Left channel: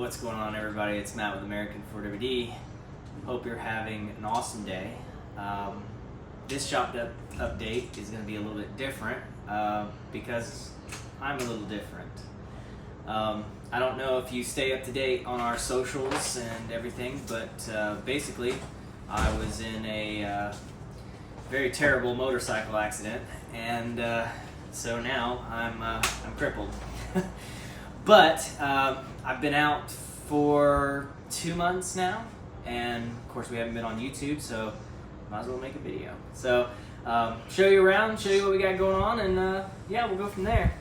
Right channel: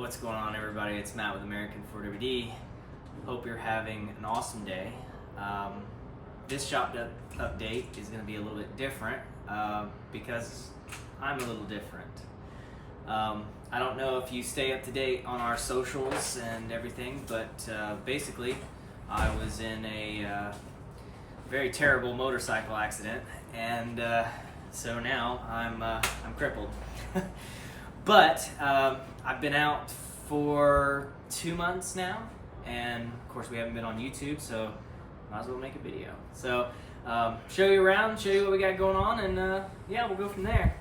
What's going on, everybody? It's Matt with American Ford WD. Hope you're having an awesome day. This shop update is going to be a little bit different because I'm a little different. I don't know if you stay up to date on our socials and everything, but basically I was in a very terrible motorcycle accident, and so now I'm crippled. But I've been out for 2 months now, and of course we haven't been on YouTube, so might as well make a video. So show you around, show you what we got going on, and yeah, we'll go from there.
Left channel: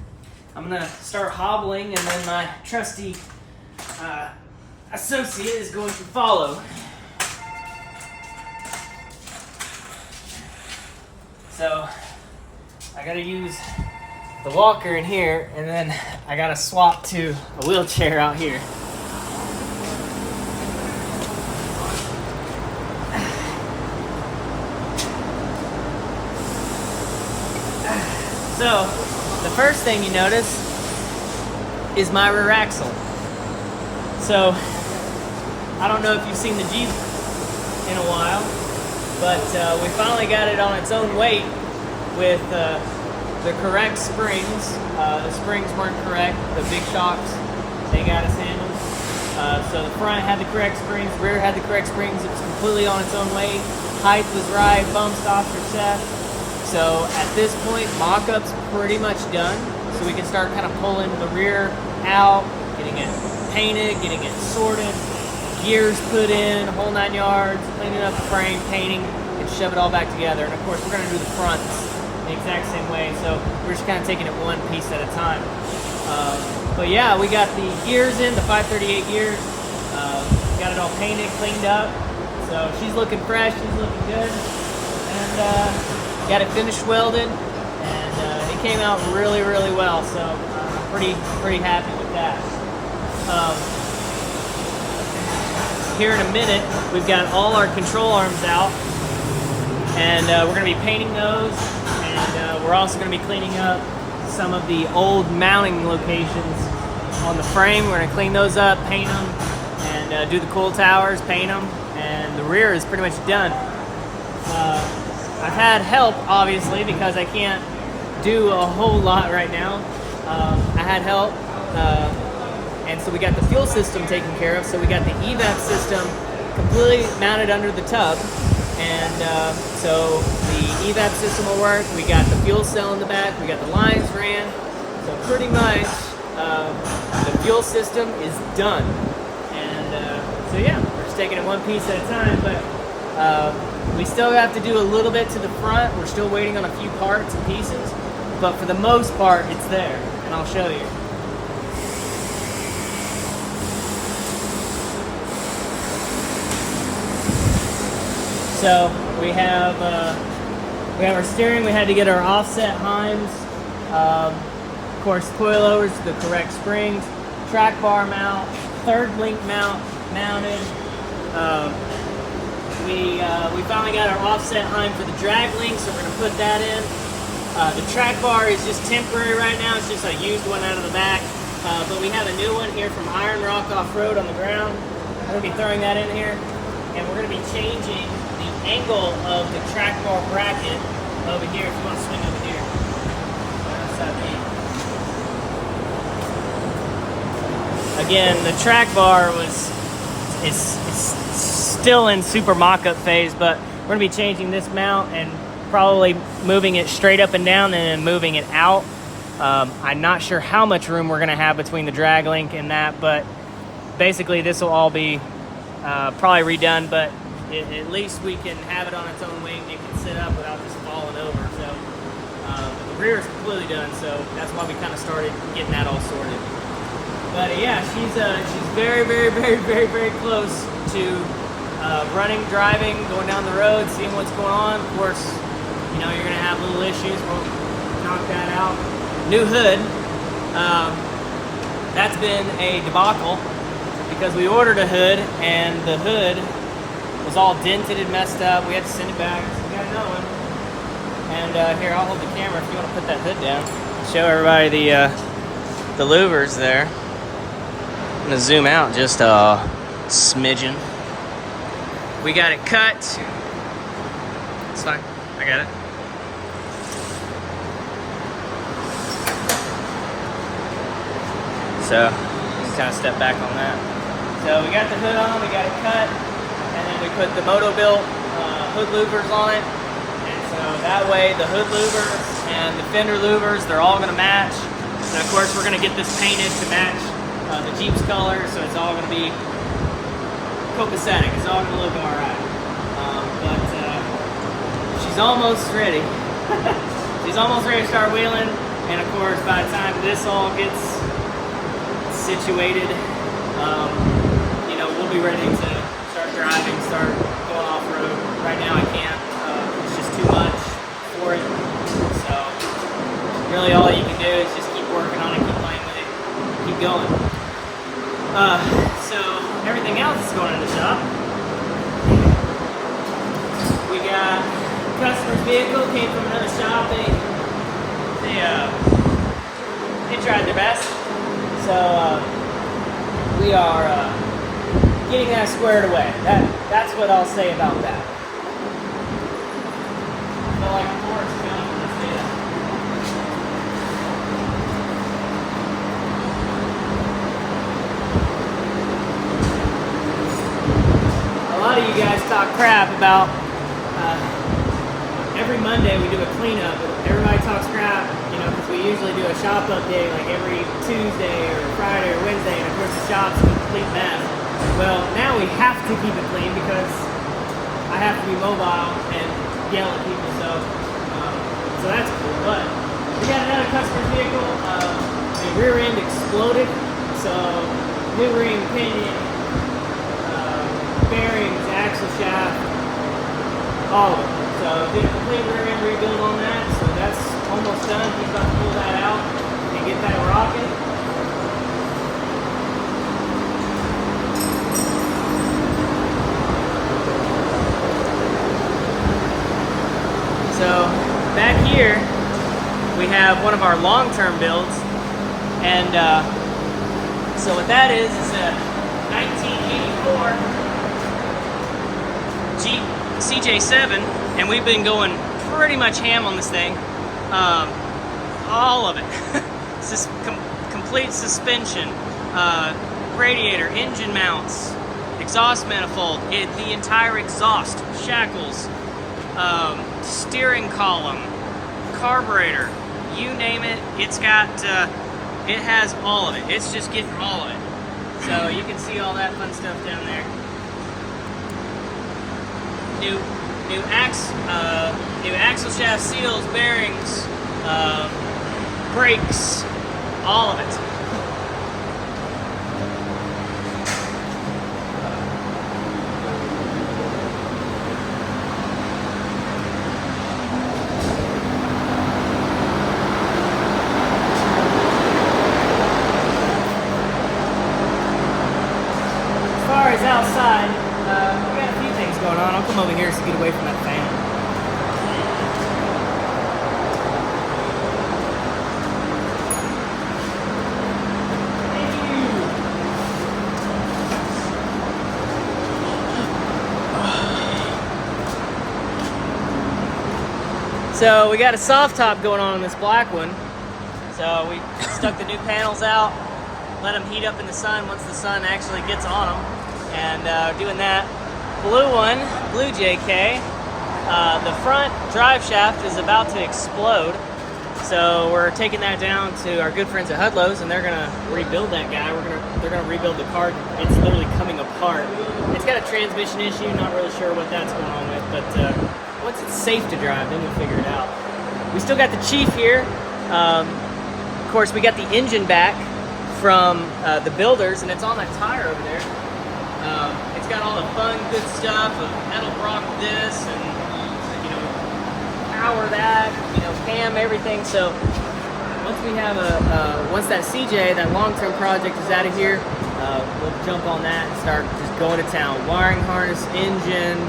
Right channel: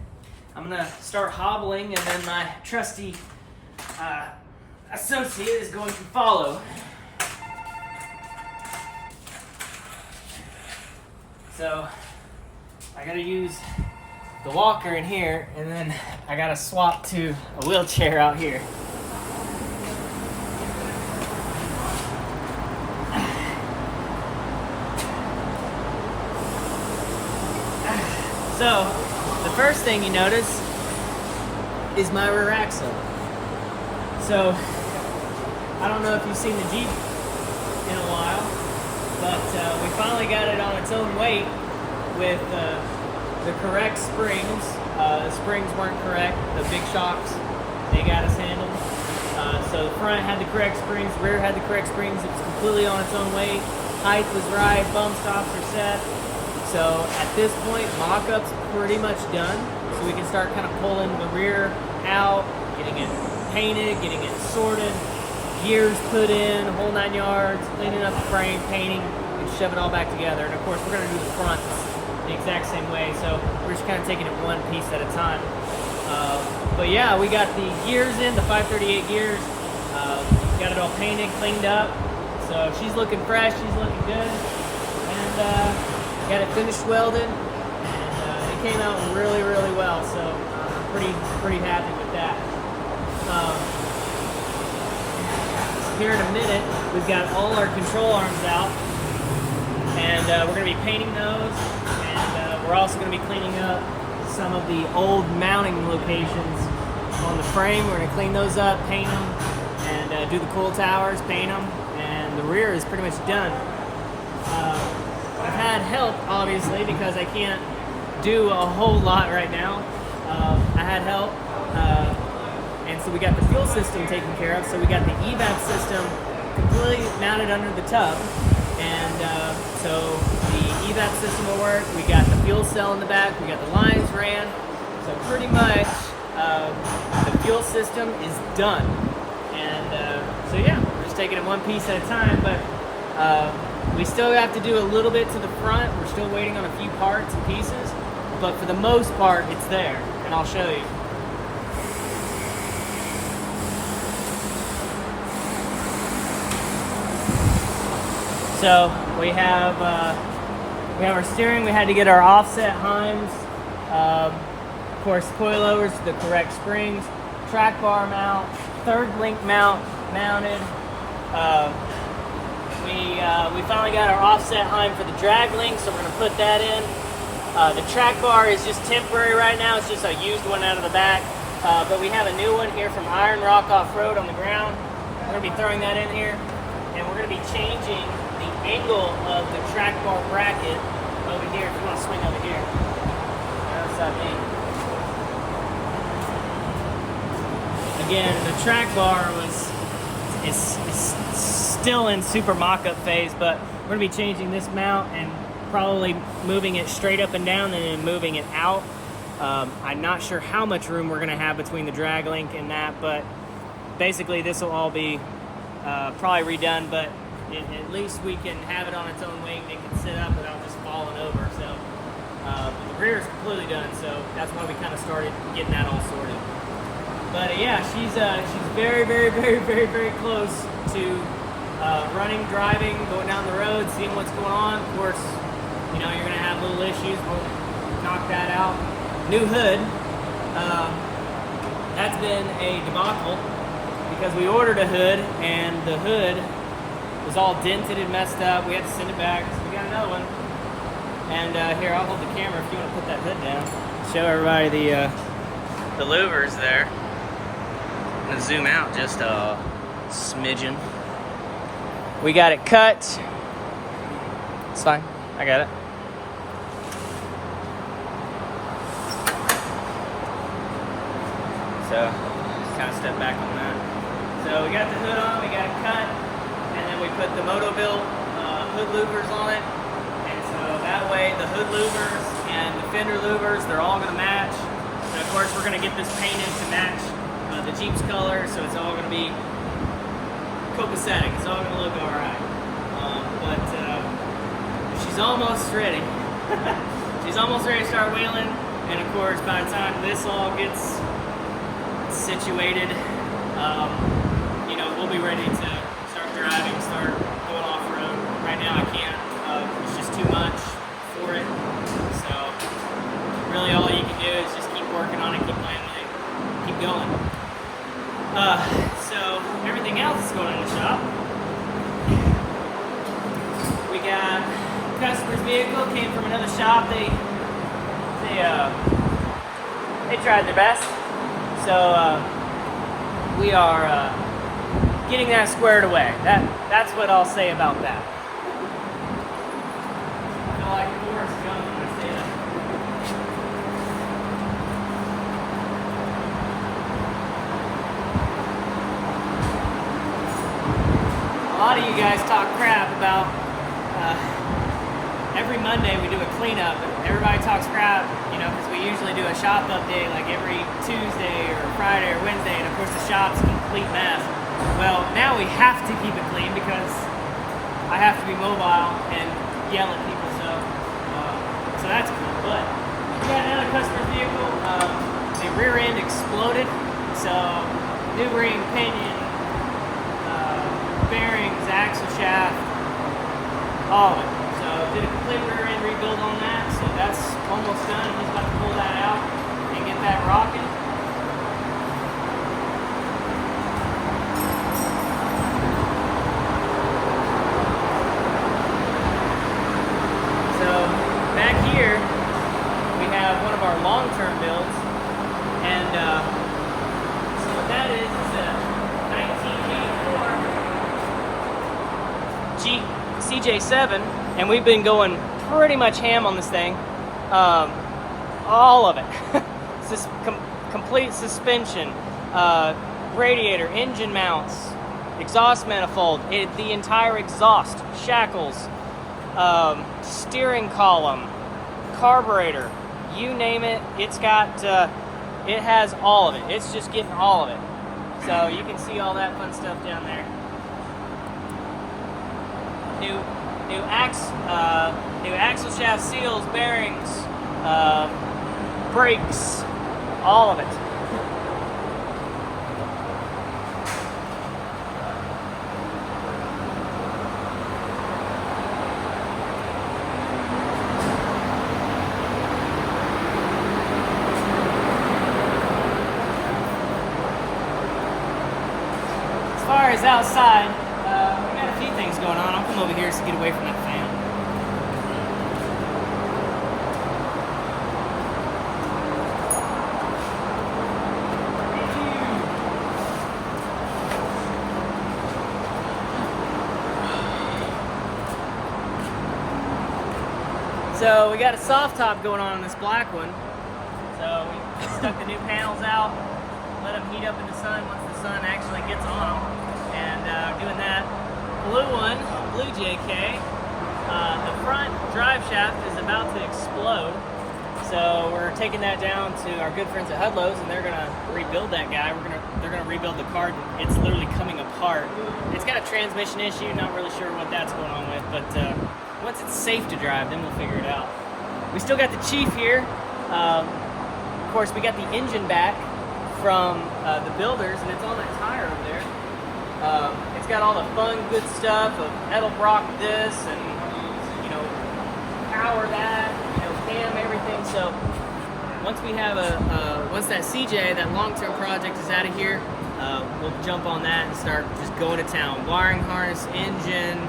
I'm gonna start hobbling, and then my trusty associate is going to follow. So I gotta use the walker in here, and then I gotta swap to a wheelchair out here. So the first thing you notice is my rear axle. So I don't know if you've seen the Jeep in a while, but we finally got it on its own weight with the correct springs. The springs weren't correct. The big shocks, they got us handled. So the front had the correct springs, the rear had the correct springs. It was completely on its own weight. Height was right, bump stops are set. So at this point, mock-up's pretty much done. So we can start kind of pulling the rear out, getting it painted, getting it sorted, gears put in, whole 9 yards, cleaning up the frame, painting, and shove it all back together. And of course, we're gonna do the front the exact same way, so we're just kind of taking it one piece at a time. But yeah, we got the gears in, the 538 gears, got it all painted, cleaned up, so she's looking fresh, she's looking good, and got it finished welded, and it came out really, really well, so I'm pretty happy with that. Here in a minute, we've got all our control arms out, and we're going to be painting those. We're also going to be cleaning up some of the old mounting locations on the frame. We're going to clean those up, paint them, and do the cool towers, paint them, and the rear is pretty much done. I've had help, obviously, because I can't do a whole lot right now. I had help, and so we got the fuel system taken care of. So we got the EVAP system completely mounted under the tub. And so the EVAP system will work. We got the fuel cell in the back. We got the lines ran. So pretty much the fuel system is done. And so yeah, we're just taking it one piece at a time. But we still have to do a little bit to the front. We're still waiting on a few parts and pieces. But for the most part, it's there. And I'll show you. So we have our steering. We had to get our offset Heims, of course, coilovers, the correct springs, track bar mount, third link mount mounted. We finally got our offset Heim for the drag link, so we're going to put that in. The track bar is just temporary right now. It's just a used one out of the back, but we have a new one here from Iron Rock Off-Road on the ground. We're going to be throwing that in here, and we're going to be changing angle of the track bar bracket over here. If you want to swing over here, notice that beam. Again, the track bar is still in super mock-up phase, but we're gonna be changing this mount and probably moving it straight up and down and then moving it out. I'm not sure how much room we're gonna have between the drag link and that, but basically this will all be probably redone, but at least we can have it on its own wing and it can sit up without just falling over. So but the rear is completely done, so that's why we kind of started getting that all sorted. But yeah, she's very, very, very, very, very close to running, driving, going down the road, seeing what's going on. Of course, you know, you're gonna have little issues. We'll knock that out. New hood. That's been a debacle because we ordered a hood and the hood was all dented and messed up. We had to send it back. So we got another one. And here, I'll hold the camera if you want to put that hood down. Show everybody the louvers there. I'm gonna zoom out just a smidgen. We got it cut. It's fine, I got it. So, just kind of step back on that. So we got the hood on, we got it cut, and then we put the Moto-Built hood louvers on it. And so that way the hood louvers and the fender louvers, they're all gonna match. And of course we're gonna get this painted to match the Jeep's color, so it's all gonna be copacetic. It's all gonna look all right. But she's almost ready. She's almost ready to start wheeling. And of course, by the time this all gets situated, you know, we'll be ready to start driving, start going off-road. Right now I can't. It's just too much for it. So really all you can do is just keep working on it, keep playing with it, keep going. So everything else that's going in the shop. We got customer's vehicle, came from another shop. They tried their best. So we are getting that squared away. That's what I'll say about that. I feel like Forrest Gump when I say that. A lot of you guys talk crap about every Monday we do a cleanup, but everybody talks crap, you know, because we usually do a shop update like every Tuesday or Friday or Wednesday, and of course the shop's a complete mess. Well, now we have to keep it clean because I have to be mobile and yell at people, so that's cool. But we got another customer's vehicle. The rear end exploded, so new ring, pinion, bearings, axle shaft, all of it. So did a complete rear end rebuild on that, so that's almost done. He's about to pull that out and get that rocking. So back here we have one of our long-term builds, and so what that is a 1984 Jeep CJ7, and we've been going pretty much ham on this thing. All of it. Complete suspension, radiator, engine mounts, exhaust manifold, the entire exhaust, shackles, steering column, carburetor, you name it, it's got, it has all of it. It's just getting all of it. So you can see all that fun stuff down there. New axle shaft seals, bearings, brakes, all of it. As far as outside, we got a few things going on. I'll come over here to get away from that fan. So we got a soft top going on this black one. So we stuck the new panels out, let them heat up in the sun once the sun actually gets on them, and doing that. Blue one, blue JK. The front drive shaft is about to explode, so we're taking that down to our good friends at Hudlows, and they're gonna rebuild that guy. They're gonna rebuild the car. It's literally coming apart. It's got a transmission issue. Not really sure what that's going on with, but once it's safe to drive, then we'll figure it out. We still got the Chief here. Of course, we got the engine back from the builders, and it's on that tire over there. It's got all the fun, good stuff, a metal block this, and you know, power that, you know, cam, everything. So once we have once that CJ, that long-term project is out of here, we'll jump on that and start just going to town. Wiring harness, engine.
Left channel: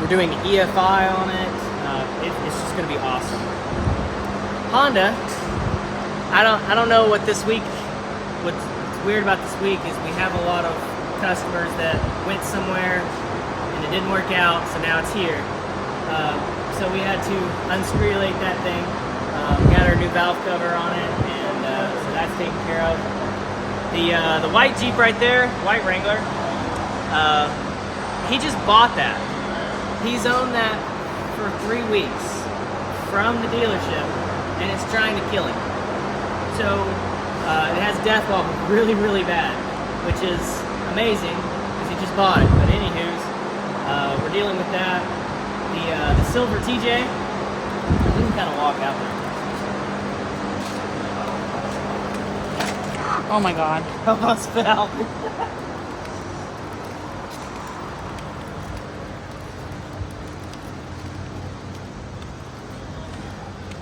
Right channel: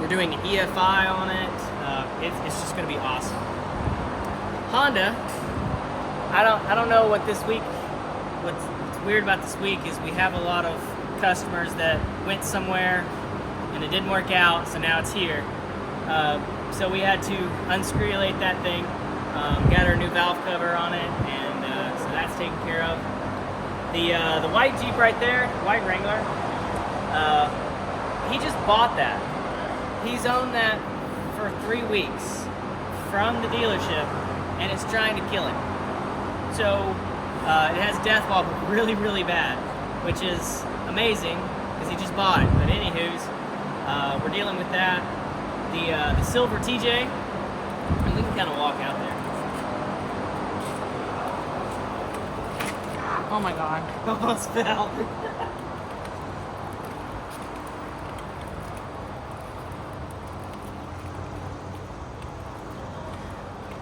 We're doing EFI on it. It's just gonna be awesome. Honda. I don't know what this week, what's what's weird about this week is we have a lot of customers that went somewhere and it didn't work out, so now it's here. So we had to unscrewulate that thing, got our new valve cover on it, and so that's taken care of. The white Jeep right there, white Wrangler, he just bought that. He's owned that for 3 weeks from the dealership, and it's trying to kill him. So it has death wobble really, really bad, which is amazing because he just bought it. But anywho's, we're dealing with that. The silver TJ, and we can kind of walk out there. Oh my God. Almost fell.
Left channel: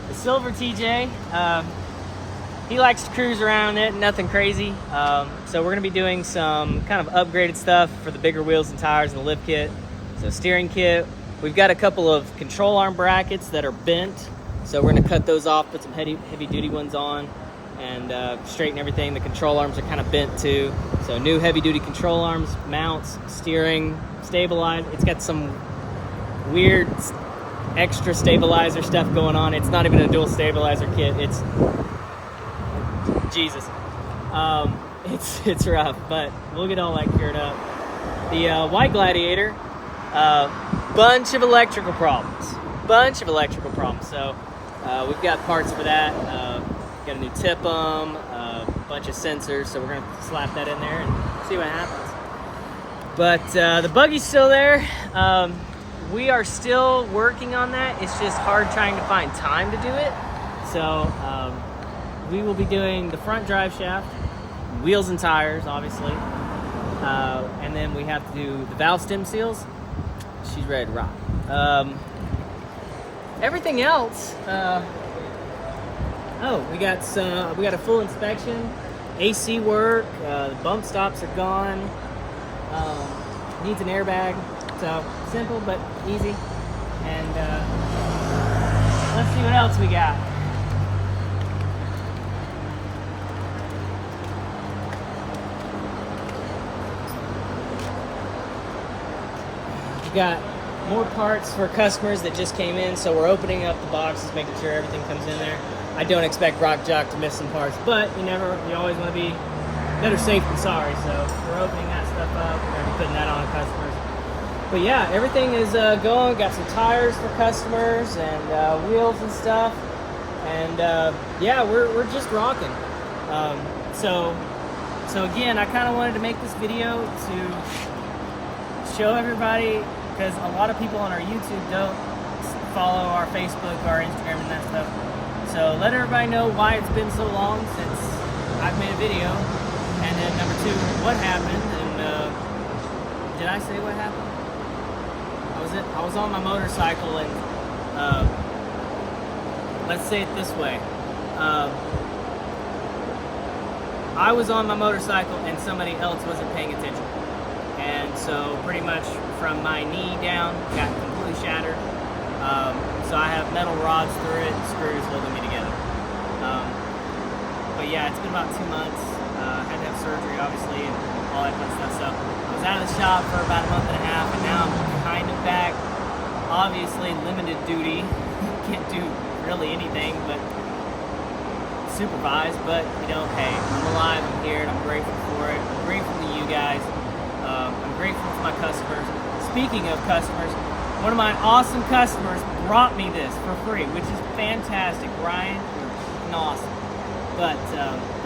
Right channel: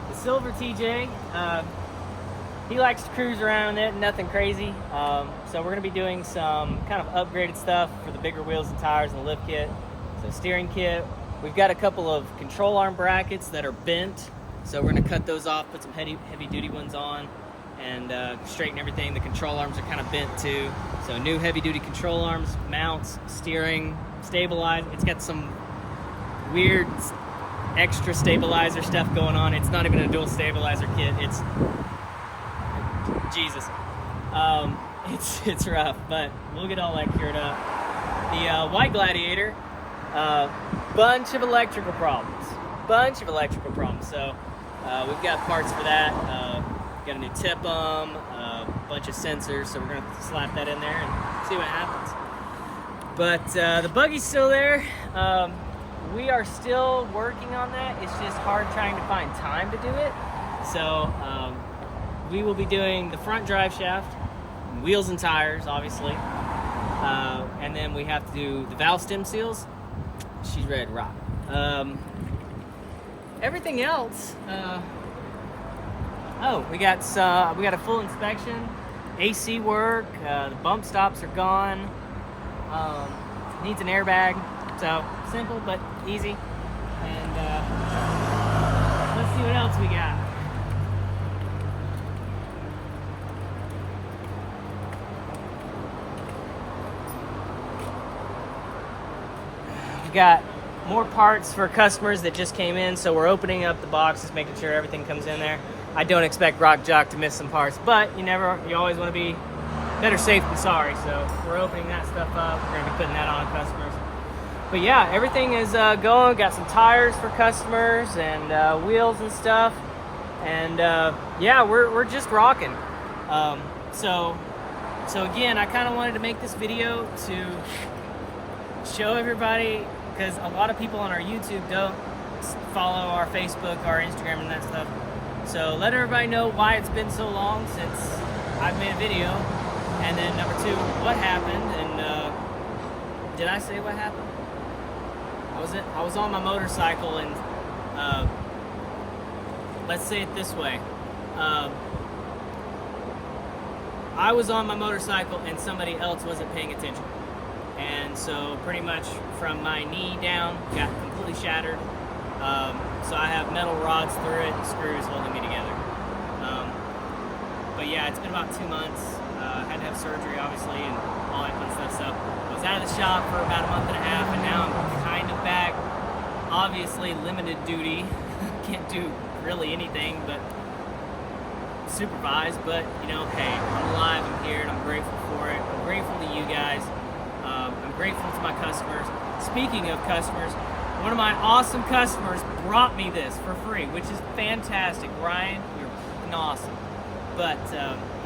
The silver TJ, he likes to cruise around it, nothing crazy. So we're gonna be doing some kind of upgraded stuff for the bigger wheels and tires and the lift kit. So steering kit, we've got a couple of control arm brackets that are bent. So we're gonna cut those off, put some heavy duty ones on, and straighten everything. The control arms are kind of bent too. So new heavy duty control arms, mounts, steering, stabilizer. It's got some weird extra stabilizer stuff going on. It's not even a dual stabilizer kit. It's Jesus. It's rough, but we'll get all that cleared up. The white Gladiator, bunch of electrical problems. So we've got parts for that. Got a new TIPM, a bunch of sensors, so we're gonna slap that in there and see what happens. But the buggy's still there. We are still working on that. It's just hard trying to find time to do it. So we will be doing the front drive shaft, wheels and tires, obviously. And then we have to do the valve stem seals. She's ready to rock. Everything else, we got a full inspection, AC work, the bump stops are gone, needs an airbag, so simple but easy. And let's see what else we got. We got more parts for customers that just came in, so we're opening up the boxes, making sure everything comes in there. I don't expect Rock Jock to miss some parts, but you always want to be better safe than sorry. So we're opening that stuff up. We're going to be putting that on customers. But yeah, everything is going. Got some tires for customers and wheels and stuff. And yeah, we're just rocking. So again, I kind of wanted to make this video to show everybody, because a lot of people on our YouTube don't follow our Facebook, our Instagram, and that stuff. So let everybody know why it's been so long since I've made a video, and then number two, what happened. And did I say what happened? I was on my motorcycle, and let's say it this way. I was on my motorcycle and somebody else wasn't paying attention. And so pretty much from my knee down, got completely shattered. So I have metal rods through it and screws holding me together. But yeah, it's been about 2 months. Had to have surgery, obviously, and all that fun stuff. So I was out of the shop for about a month and a half, and now I'm kind of back. Obviously, limited duty. Can't do really anything but supervise. But, you know, hey, I'm alive, I'm here, and I'm grateful for it. I'm grateful to you guys. I'm grateful to my customers. Speaking of customers, one of my awesome customers brought me this for free, which is fantastic. Ryan, you're freaking awesome. But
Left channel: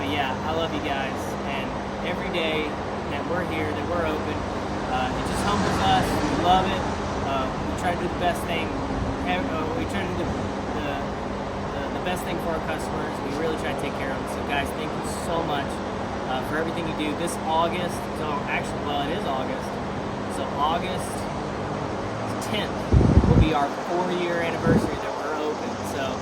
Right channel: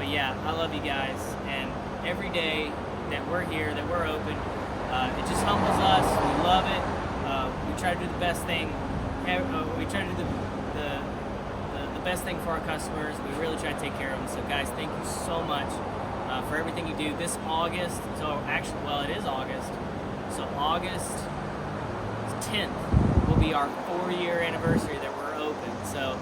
yeah, I love you guys, and every day that we're here, that we're open, it just humbles us. We love it. We try to do the best thing. We try to do the best thing for our customers. We really try to take care of them. So guys, thank you so much for everything you do. This August, so actually, well, it is August. So August 10th will be our 4-year anniversary that we're open. So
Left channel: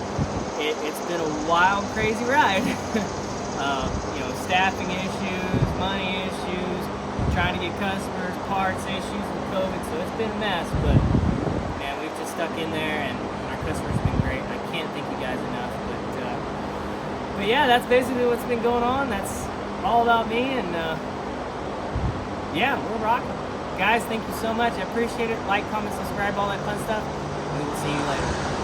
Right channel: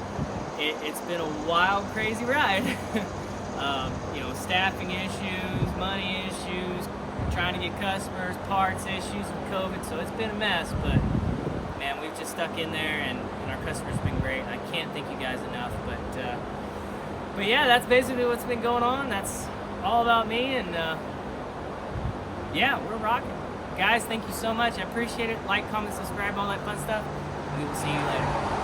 it's been a wild, crazy ride. You know, staffing issues, money issues, trying to get customers, parts issues with COVID. So it's been a mess, but man, we've just stuck in there, and our customers have been great. I can't thank you guys enough. But yeah, that's basically what's been going on. That's all about me, and yeah, we're rocking. Guys, thank you so much. I appreciate it. Like, comment, subscribe, all that fun stuff. We will see you later.